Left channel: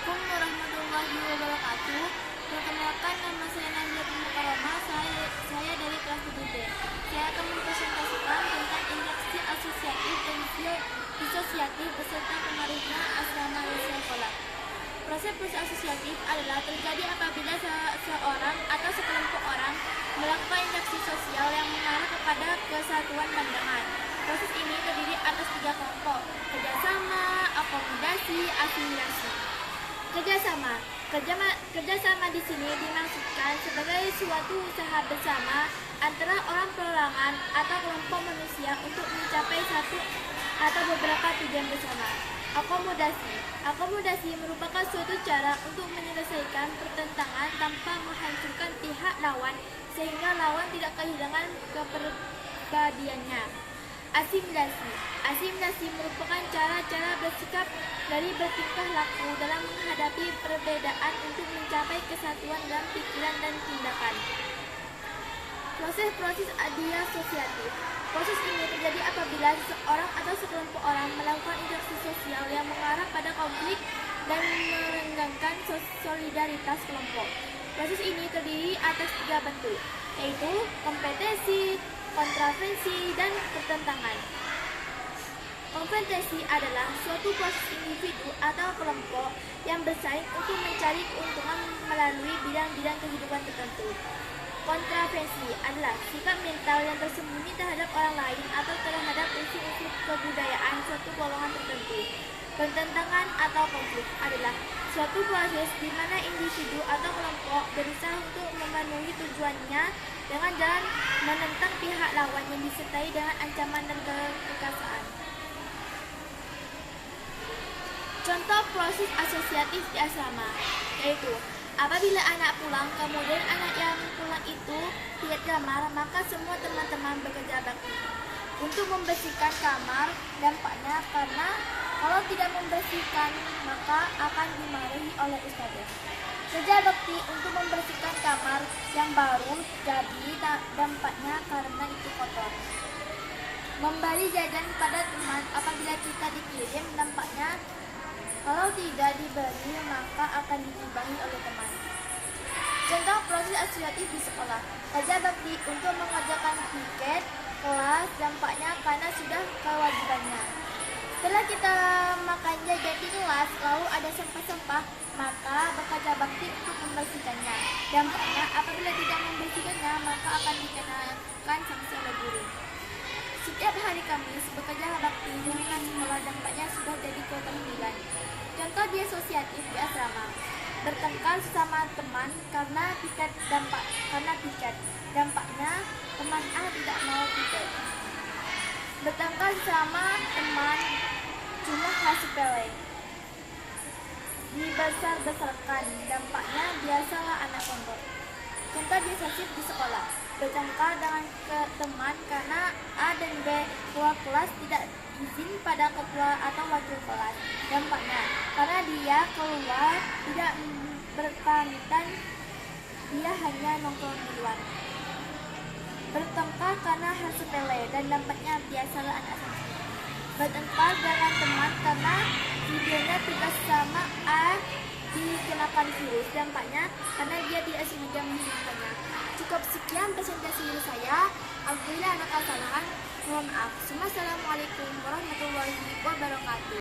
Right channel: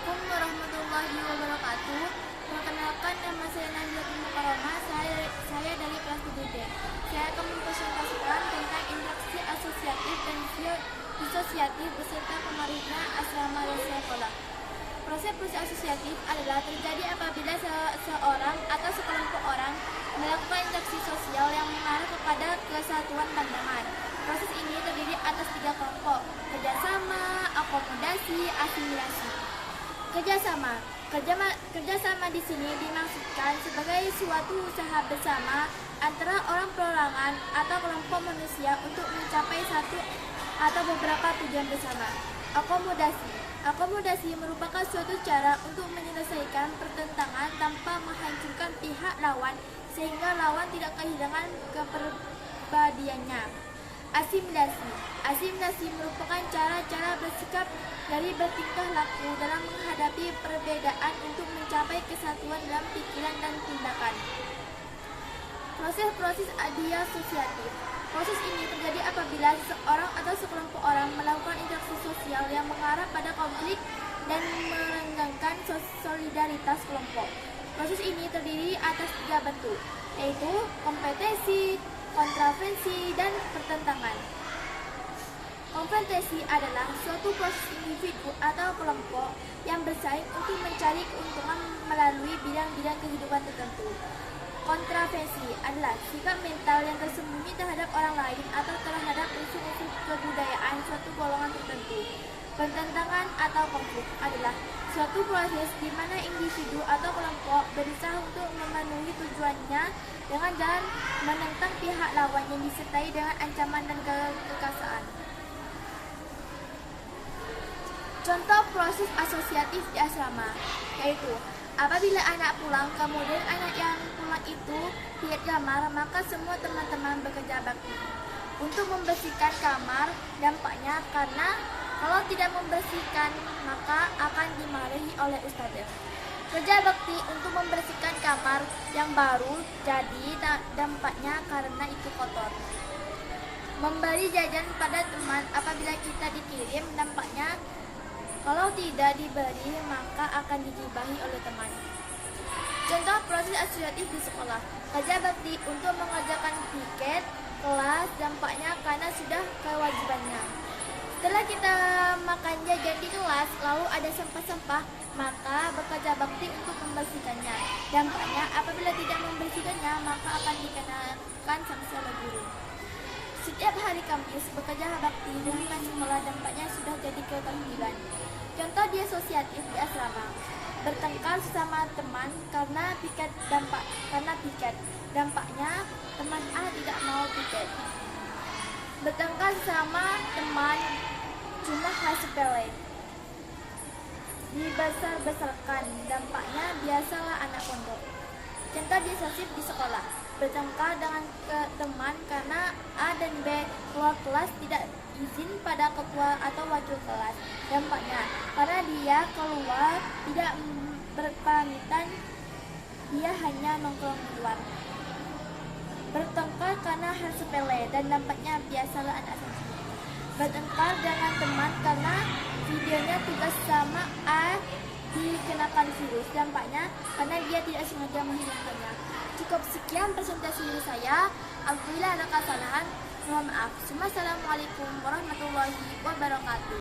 Assalamualaikum warahmatullahi wabarakatuh. Perkenalkan, nama saya Nabilatul Mukarramah. Saya dari kelas 7D. Saya akan mempresentasikan tentang interaksi asosiatif dan disosiatif beserta pengaruhnya asrama sekolah. Proses asosiatif adalah terjadi apabila seorang atau sekelompok orang melakukan interaksi sosial yang mengarah kepada kesatuan pandangan. Proses ini terdiri atas 3 kelompok: kerjasama, akomodasi, asimilasi. Kerjasama di sini dimaksudkan sebagai suatu usaha bersama antara orang perorangan atau kelompok manusia untuk mencapai satu atau beberapa tujuan bersama. Akomodasi merupakan suatu cara untuk menyelesaikan pertentangan tanpa menghancurkan pihak lawan sehingga lawan tidak kehilangan kepribadiannya. Asimilasi merupakan cara-cara bersikap dari bertingkah laku dalam menghadapi perbedaan untuk mencapai kesatuan dalam pikiran dan tindakan. Proses disosiatif. Proses ini terjadi apabila seseorang atau sekelompok orang melakukan interaksi sosial yang mengarah pada konflik dan merenggangkan solidaritas kelompok. Proses ini terdiri atas 3 bentuk, yaitu kompetisi, kontravensi, dan pertentangan. Kompetisi adalah suatu proses individu atau kelompok yang bersaing untuk mencari keuntungan melalui bidang-bidang kehidupan tertentu. Kontravensi adalah sikap mental yang tersembunyi terhadap orang lain atau terhadap unsur-unsur kebudayaan suatu golongan tertentu. Pertentangan atau konflik adalah suatu proses di mana individu atau kelompok berusaha untuk memenuhi tujuannya dengan jalan menentang pihak lawan yang disertai dengan ancaman dan kekerasan. Contoh proses asosiatif di asrama, yaitu apabila anak pulang, kemudian anak yang pulang itu lihat kamar, maka semua teman-teman bekerja bakti untuk membersihkan kamar. Dampaknya karena kalau tidak membersihkan maka akan dimarahi oleh ustadzah. Kerja bakti untuk membersihkan kamar yang baru, jadi dampaknya karena itu kotor. Memberi jajan pada teman apabila kita dikirim, dampaknya kalau tidak diberi maka akan digibahi oleh teman. Contoh proses asosiatif di sekolah. Kerja bakti untuk mengerjakan piket kelas, dampaknya karena sudah kewajibannya. Setelah kita makan jajan di kelas lalu ada sampah-sampah, maka bekerja bakti untuk membersihkannya. Dampaknya apabila tidak membersihkannya maka akan dikenakan sanksi oleh guru. Setiap hari Kamis bekerja bakti di lingkungan sekolah, dampaknya sudah jadi keterampilan. Contoh disosiatif di asrama. Bertengkar sesama teman karena piket. Dampaknya teman A tidak mau piket. Bertengkar sesama teman cuma hal sepele, dibesar-besarkan, dampaknya biasalah anak pondok. Contoh disosiatif di sekolah. Bertengkar dengan teman karena A dan B keluar kelas tidak izin pada ketua atau wakil kelas. Dampaknya karena dia keluar tidak berpamitan, dia hanya nongkrong di luar. Bertengkar karena hal sepele dan dampaknya biasalah anak sensitif. Bertengkar dengan teman karena videonya tidak sama A dikenakan virus, dampaknya karena dia tidak sengaja menghilangkannya. Cukup sekian presentasi dari saya. Apabila ada kesalahan, mohon maaf. Wassalamualaikum warahmatullahi wabarakatuh.